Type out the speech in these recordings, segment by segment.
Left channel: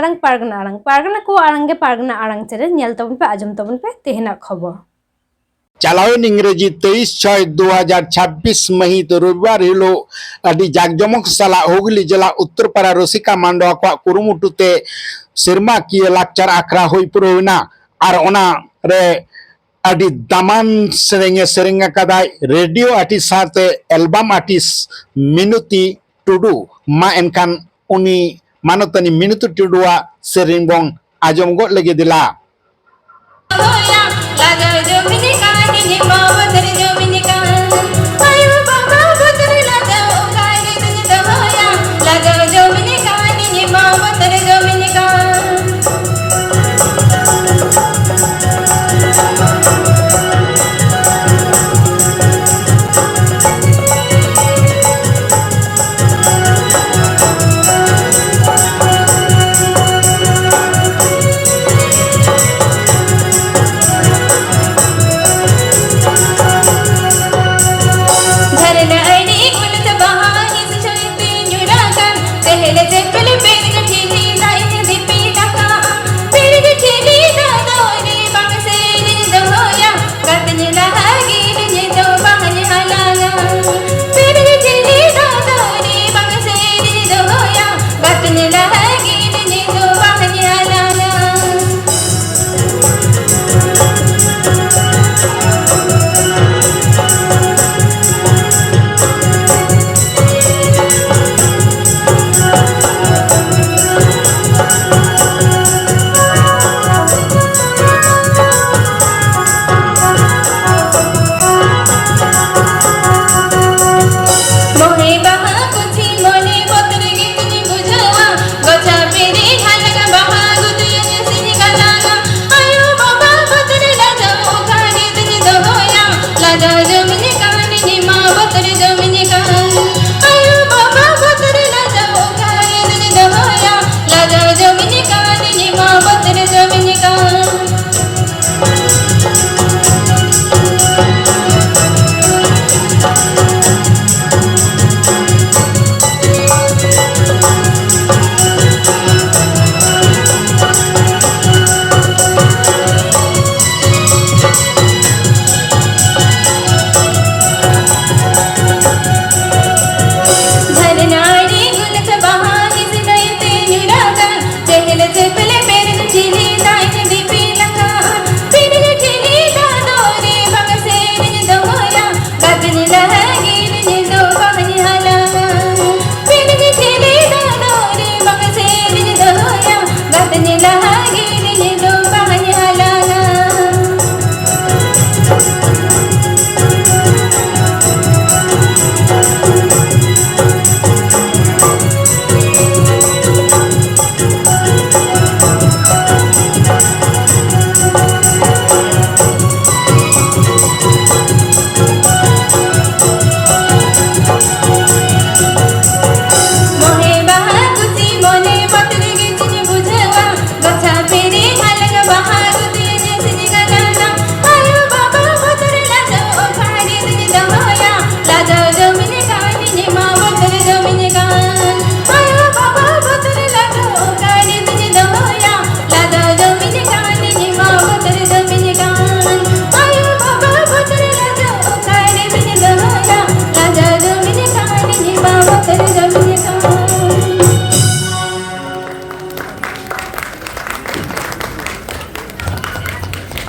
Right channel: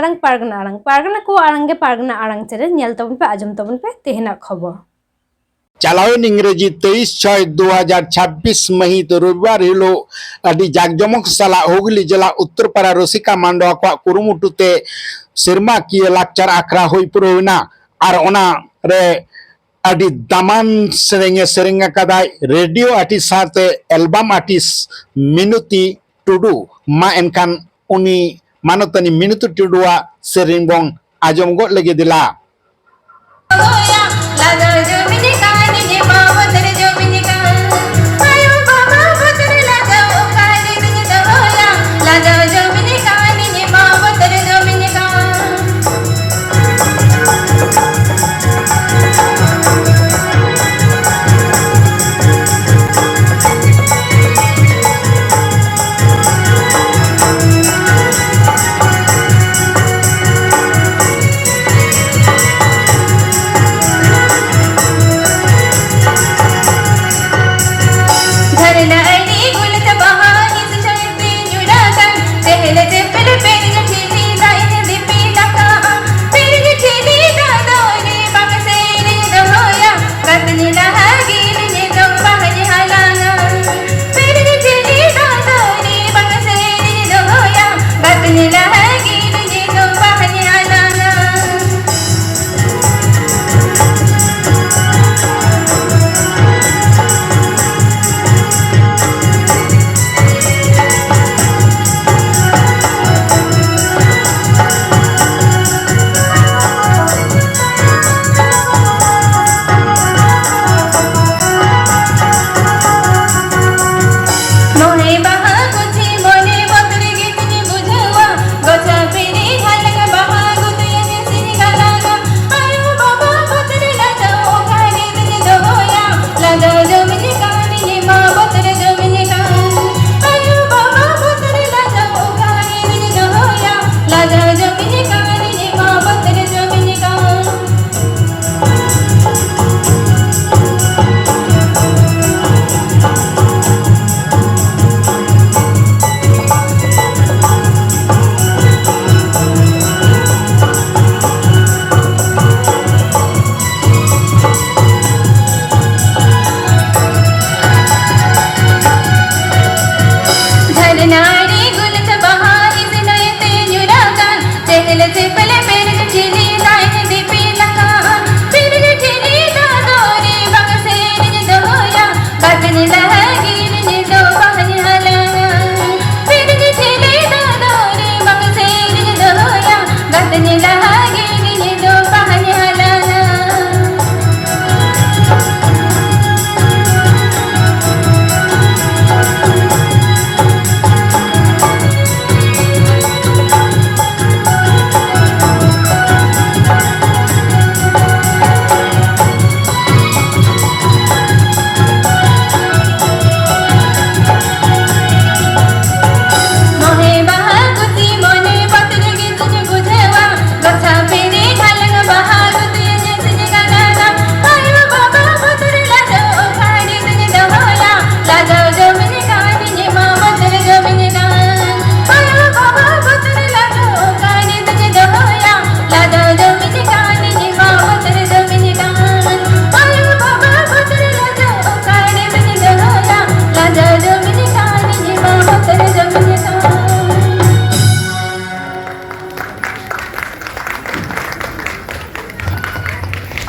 आरंग पारगना को आरंगे पारगना आरंग चेरे ᱧᱮᱞ ᱛᱟᱵᱚᱱ ᱯᱮ ᱟᱸᱡᱚᱢ ᱛᱟᱵᱚᱱ ᱯᱮ ᱛᱮᱦᱮᱧᱟᱜ ᱠᱷᱚᱵᱚᱨ चालावन इंग्रेजी 23/6/2026 महित रविवार हिलो अडी जाकजमक साला हुगली जिला उत्तरपाड़ा रसिका मांडवा को कुरुमुटुते सिरमा की लाक्चर आखरा हुई पुरोना और ओना रे अडी दामान सेरेंगे कदाय रेडियो आर्टिस्ट साथे एल्बम आर्टिस्ट मिनुती टुडू मा एनकान उनी मानतनी मिनुती टुडुआ सेरेंगों आजम गो लगे दिला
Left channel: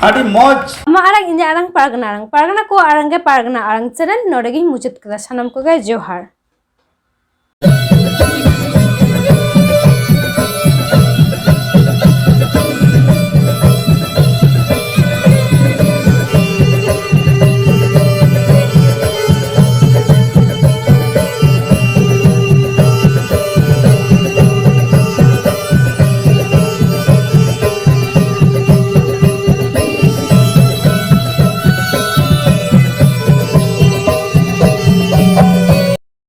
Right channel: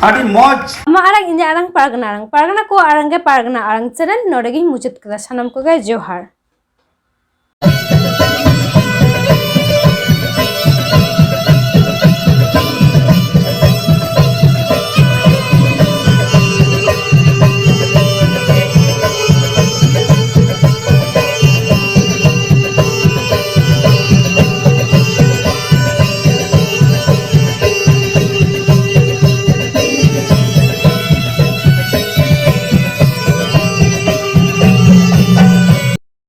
अड़ी मौज आरंग इन आरंग पारगना को आरंगे पारगना आरंग चेरे नोडेगी मुचाद कदा सानाम को जोहार।